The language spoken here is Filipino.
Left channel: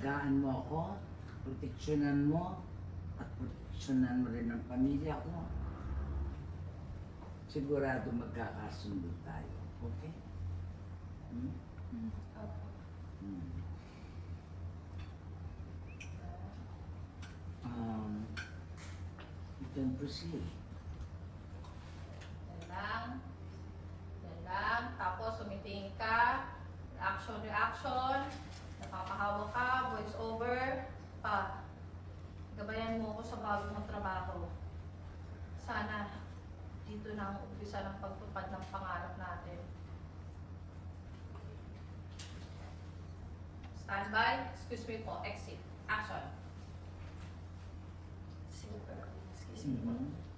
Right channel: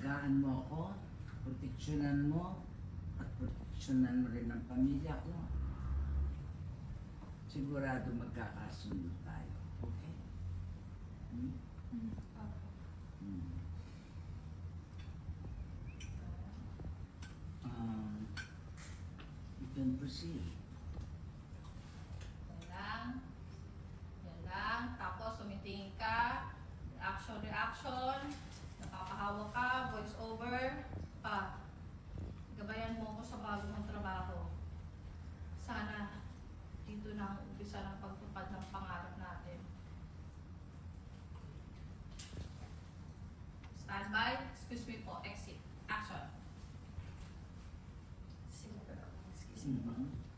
alagaan mo ako, proteksyonan mo, at proteksyonan mo rin ang pamilya ko. Sigurado magkakasundo tayo. Okay? Hmm? Opo. Hmm. You can proceed. Yan lang. Yan lang. Tapos, sumitingin ka. Reaction. Nakakahawa ka. Voice over. Pa. Gabayan mo ako sa bago ng trabaho. Sana dito na ang umpisa ng pagtupad ng pangarap natin. Standby. Excuse me po. Exit. Action. Excuse me po. Mhm.